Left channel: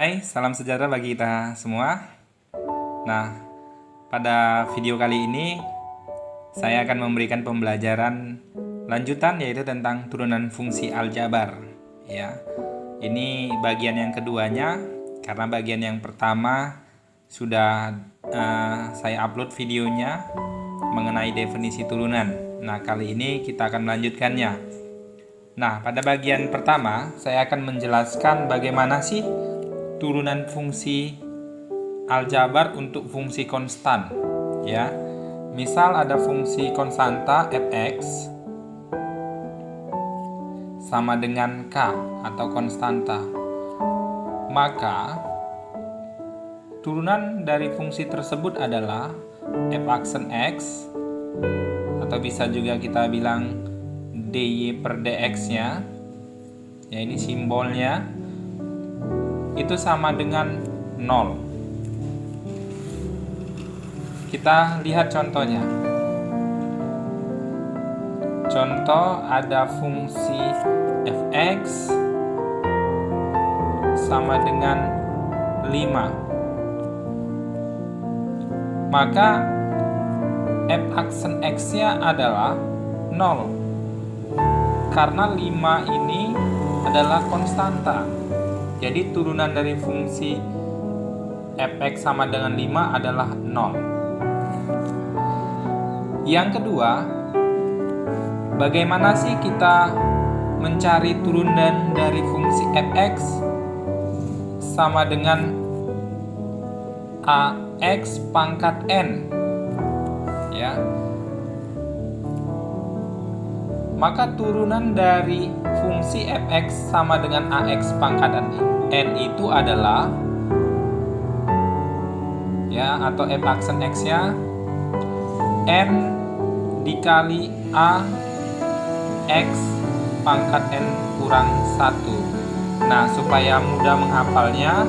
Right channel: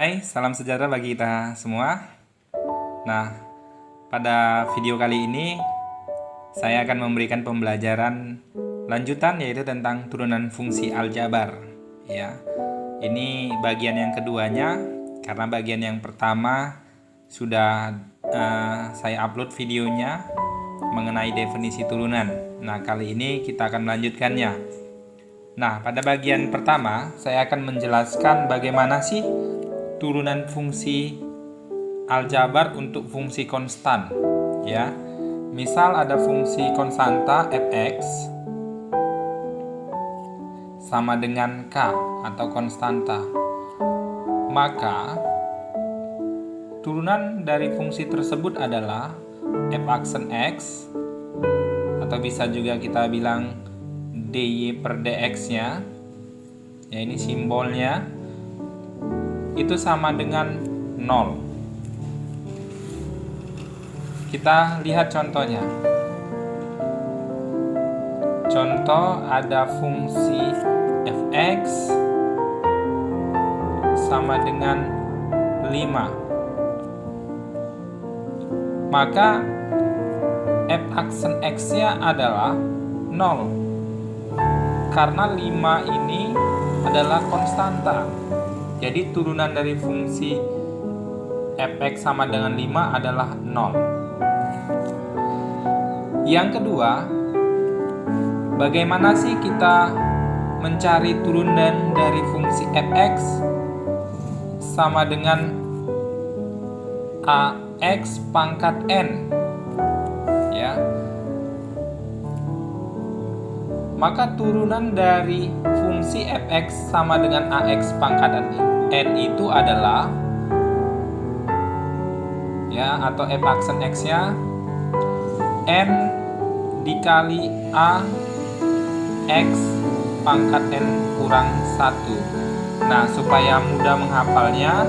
Hai, salam sejahtera bagi kita semua. Nah, pada video kali ini saya akan memberikan pembelajaran lanjutan yaitu tentang turunan fungsi aljabar. Ya, ini bagian yang keduanya karena bagian yang pertama sudah saya upload videonya mengenai definisi turunan. Nah, kali ini kita akan melanjutkannya. Nah, pada bagian pertama saya akan menjelaskan bagaimana sih turunan fungsi aljabar untuk fungsi konstan, ya. Misal ada fungsi konstanta fx sama dengan k atau konstanta. Maka turunan dari fungsi tersebut adalah f aksen x, atau bisa juga kita bilang dy per dx-nya. Ya, ini simbolnya itu sama dengan 0. Kita lihat contohnya. Contoh, ada fungsi fx sama dengan 5. Maka f aksen x-nya adalah 0. Karena 5 ini adalah konstanta. Jadi turunan dari fungsi fx sama dengan 5 adalah 0. Yang kedua, bagaimana sih kita mencari turunan dari fungsi fx sama dengan ax pangkat n? Ya. Maka turunan dari fungsi fx sama dengan ax pangkat n itu adalah, ya, atau f aksen x-nya n dikali a x pangkat n kurang 1. Nah, supaya mudah menghafalnya,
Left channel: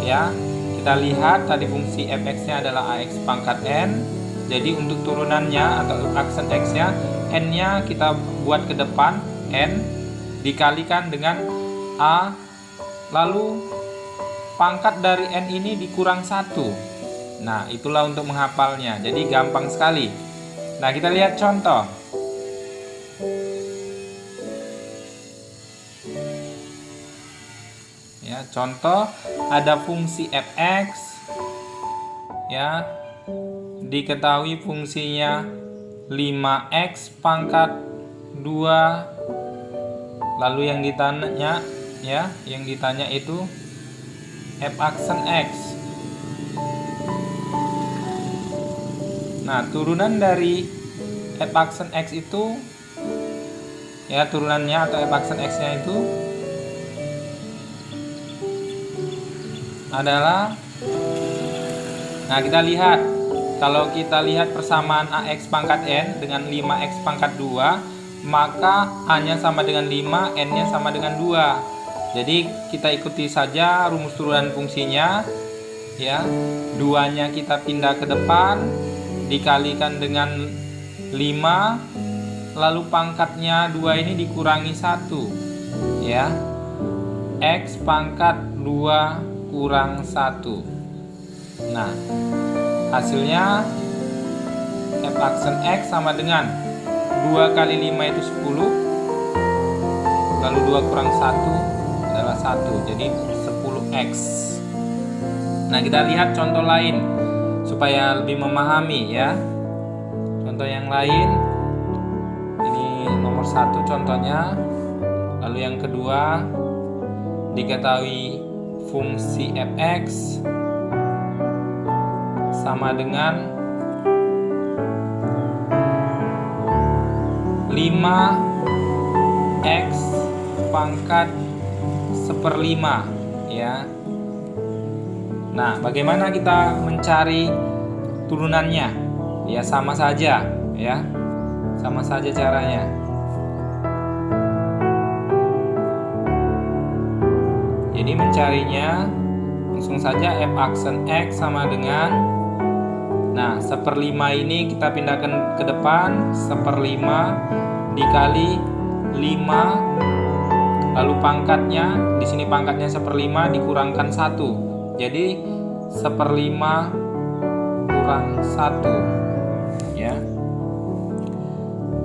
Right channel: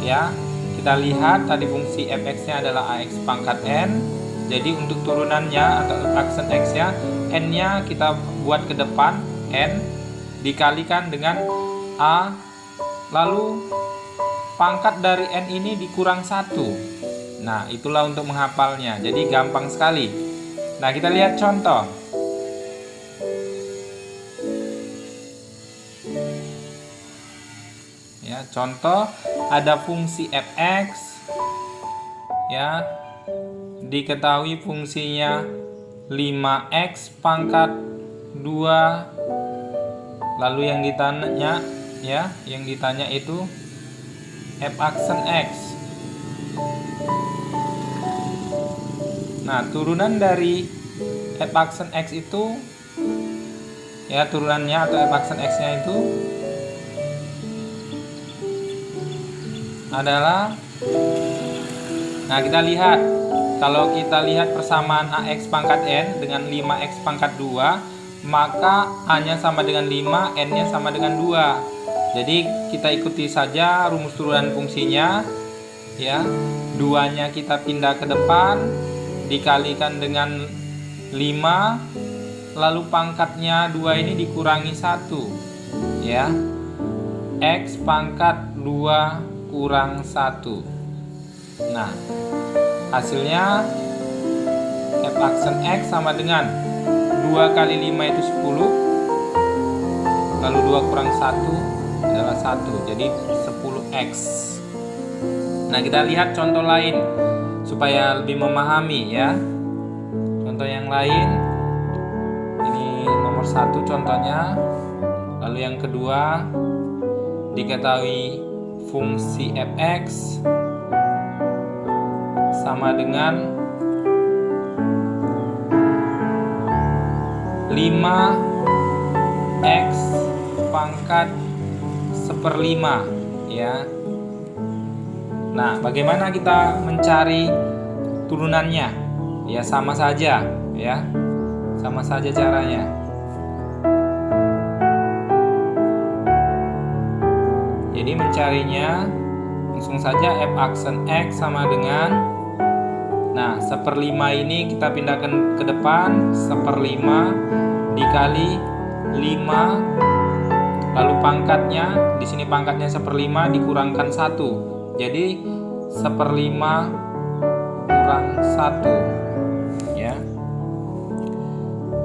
ya, kita lihat tadi fungsi fx-nya adalah ax pangkat n. Jadi untuk turunannya atau f aksen x-nya, n-nya kita buat ke depan, n dikalikan dengan a, lalu pangkat dari n ini dikurang 1. Nah, itulah untuk menghafalnya. Jadi gampang sekali. Nah, kita lihat contoh. Ya, contoh ada fungsi fx, ya, diketahui fungsinya 5x pangkat 2. Lalu yang ditanya, ya, yang ditanya itu f aksen x. Nah, turunan dari f aksen x itu, ya, turunannya atau f aksen x-nya itu adalah, nah, kita lihat. Kalau kita lihat persamaan ax pangkat n dengan 5x pangkat 2, maka a-nya sama dengan 5, n-nya sama dengan 2. Jadi kita ikuti saja rumus turunan fungsinya, ya. 2-nya kita pindah ke depan, dikalikan dengan 5, lalu pangkatnya 2 ini dikurangi 1, ya. X pangkat 2 kurang 1. Nah, hasilnya f aksen x sama dengan 2 kali 5 itu 10, lalu 2 kurang 1 adalah 1, jadi 10x. Nah, kita lihat contoh lain supaya lebih memahami, ya. Contoh yang lain, ini nomor 1 contohnya. Lalu yang kedua, diketahui fungsi fx sama dengan 5x pangkat 1/5, ya. Nah, bagaimana kita mencari turunannya? Ya, sama saja, ya. Sama saja caranya. Jadi mencarinya langsung saja f aksen x sama dengan, nah, 1/5 ini kita pindahkan ke depan, 1/5 dikali 5 Lalu pangkatnya, di sini pangkatnya 1/5 dikurangkan 1. Jadi 1/5 kurang 1 ya.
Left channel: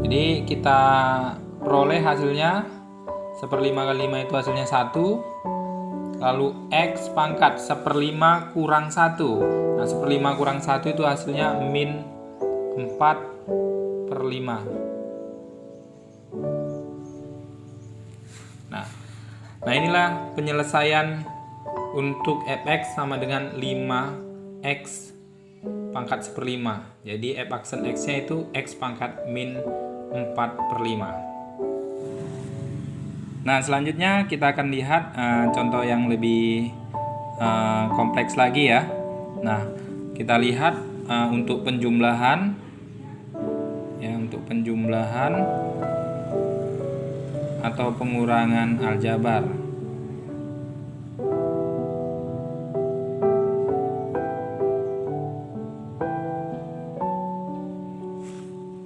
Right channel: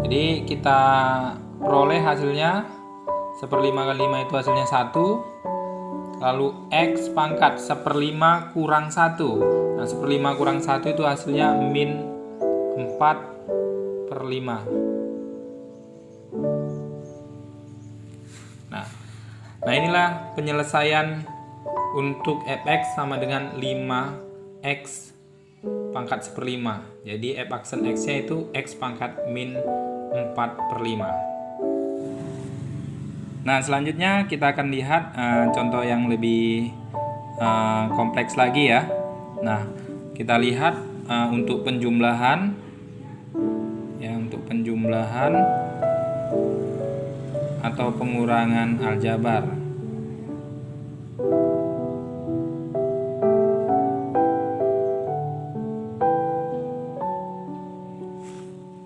Jadi kita peroleh hasilnya 1/5 kali 5 itu hasilnya 1. Lalu X pangkat 1/5 kurang 1. Nah 1/5 kurang 1 itu hasilnya min 4/5. Nah inilah penyelesaian untuk fx sama dengan 5x pangkat 1/5. Jadi f aksen x nya itu x pangkat min 4/5. Nah selanjutnya kita akan lihat contoh yang lebih kompleks lagi ya. Nah kita lihat untuk penjumlahan ya, untuk penjumlahan atau pengurangan aljabar.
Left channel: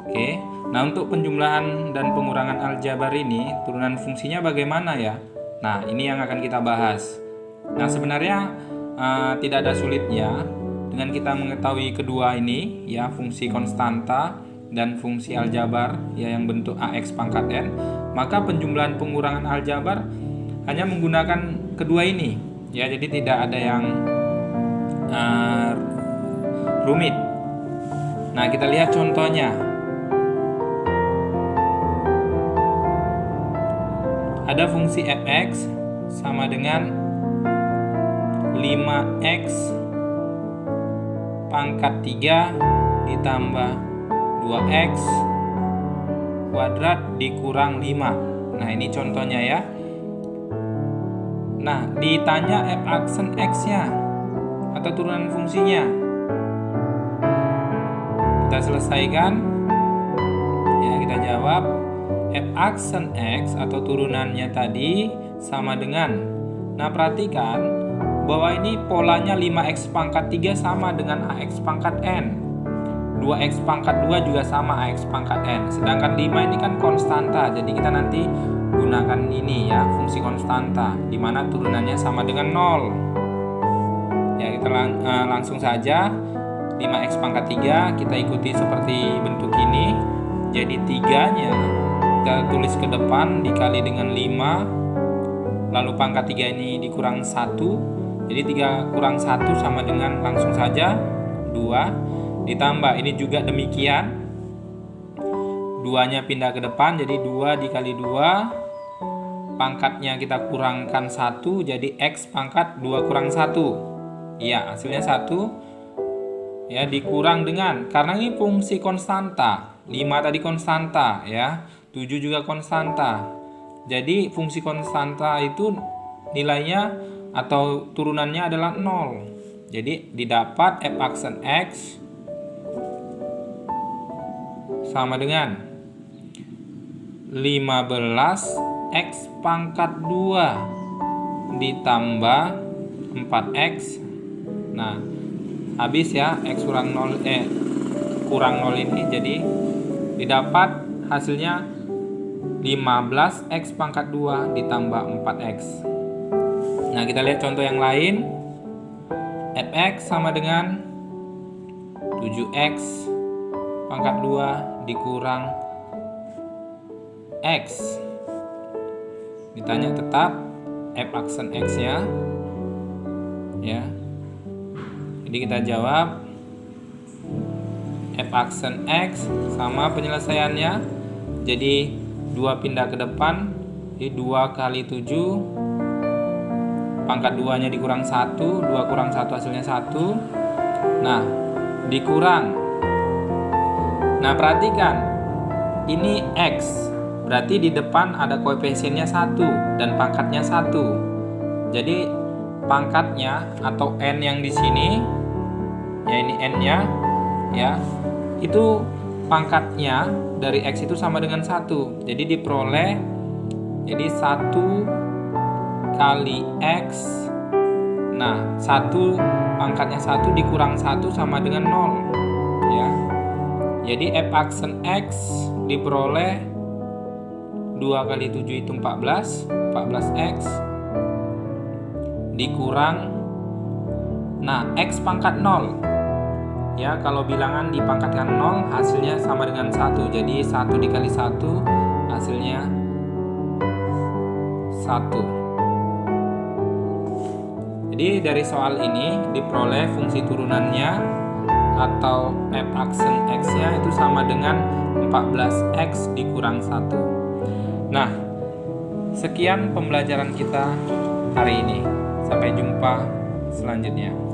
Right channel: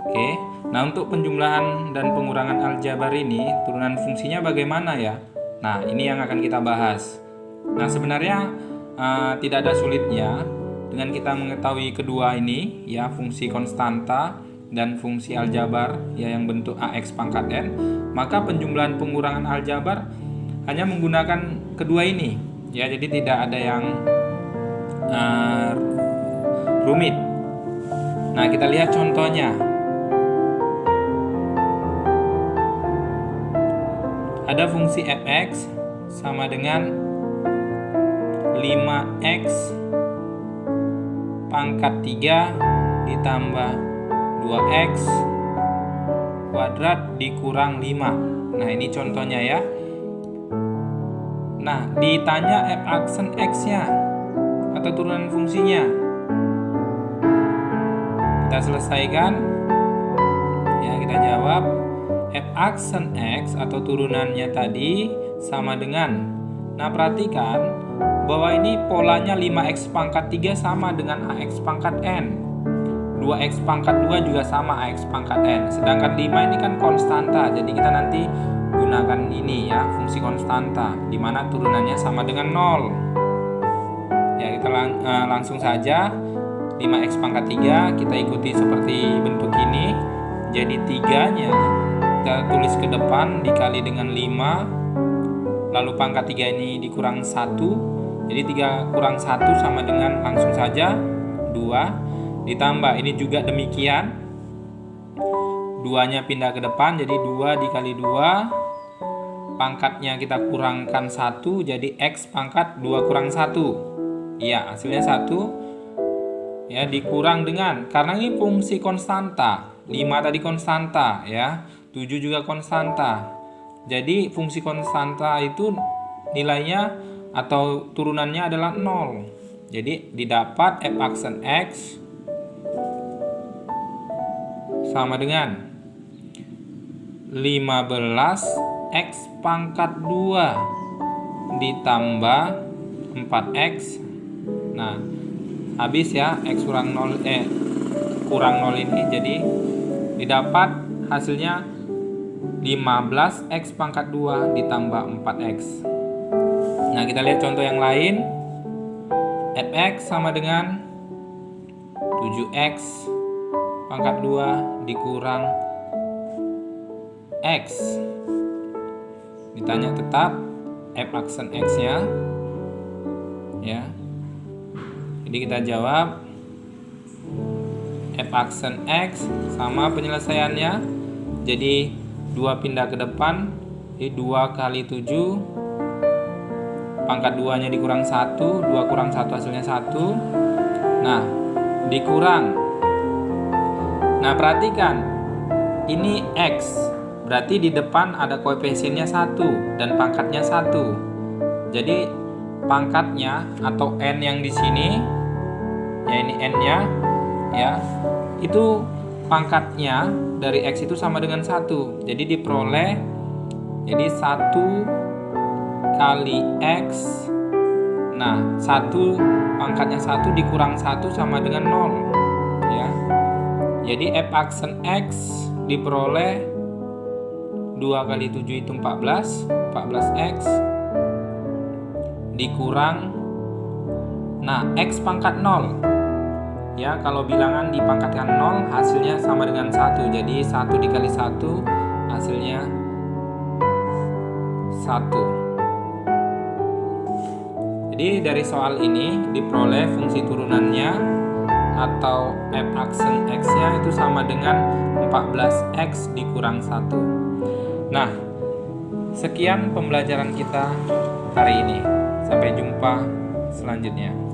Oke, nah untuk penjumlahan dan pengurangan aljabar ini turunan fungsinya bagaimana ya? Nah ini yang akan kita bahas. Nah sebenarnya tidak ada sulitnya dengan kita mengetahui kedua ini ya, fungsi konstanta dan fungsi aljabar ya yang bentuk ax pangkat n, maka penjumlahan pengurangan aljabar hanya menggunakan kedua ini ya, jadi tidak ada yang rumit. Nah kita lihat contohnya. Ada fungsi fx sama dengan 5x pangkat 3 ditambah 2x kuadrat dikurang 5. Nah ini contohnya ya. Nah ditanya f aksen x nya atau turunan fungsinya. Kita selesaikan ya, kita jawab f aksen x atau turunannya tadi sama dengan, nah perhatikan bahwa ini polanya 5x pangkat 3 sama dengan ax pangkat n, 2x pangkat 2 juga sama ax pangkat n. Sedangkan 5 ini kan konstanta, jadi kita nanti gunakan ini ya, fungsi konstanta, dimana turunannya sama dengan 0. Ya kita langsung saja 5x pangkat 3 kita ikuti seperti bentuk ini. Jadi 3-nya kita tulis ke depan dikali dengan 5, lalu pangkat 3 ini dikurang 1. Jadi 3 kurang 1 sama dengan langsung saja 2. Ditambah ini juga demikian, 2-nya pindah ke depan jadi 2 dikali 2, pangkatnya kita kurangkan 1 jadi x pangkat 2 kurang 1. Iya hasilnya 1 ya, dikurang dengan, karena ini fungsi konstanta, 5 tadi konstanta ya, 7 juga konstanta. Jadi fungsi konstanta itu nilainya atau turunannya adalah 0. Jadi didapat f aksen x sama dengan 15x pangkat 2 ditambah 4x. Nah habis ya, x kurang 0 kurang 0 ini, jadi didapat hasilnya 15x pangkat 2 ditambah 4x. Nah kita lihat contoh yang lain. Fx sama dengan 7x pangkat 2 dikurang x. Ditanya tetap f aksen x nya ya. Jadi kita jawab f aksen x sama penyelesaiannya. Jadi 2 pindah ke depan, jadi 2 kali 7, pangkat 2 nya dikurang 1, 2 kurang 1 hasilnya 1. Nah dikurang. Nah perhatikan, ini x, berarti di depan ada koefisiennya 1 dan pangkatnya 1. Jadi pangkatnya atau n yang di sini, ya ini n-nya ya, itu pangkatnya dari x itu sama dengan 1. Jadi diperoleh, jadi 1 kali x. Nah 1 pangkatnya 1 dikurang 1 sama dengan 0 ya. Jadi f aksen x diperoleh 2 kali 7 itu 14, 14x dikurang, nah x pangkat 0. Ya, kalau bilangan dipangkatkan 0 hasilnya sama dengan 1. Jadi 1 dikali 1 hasilnya 1. Jadi dari soal ini diperoleh fungsi turunannya atau f aksen x-nya itu sama dengan 14x dikurang 1. Nah, sekian pembelajaran kita hari ini. Sampai jumpa selanjutnya.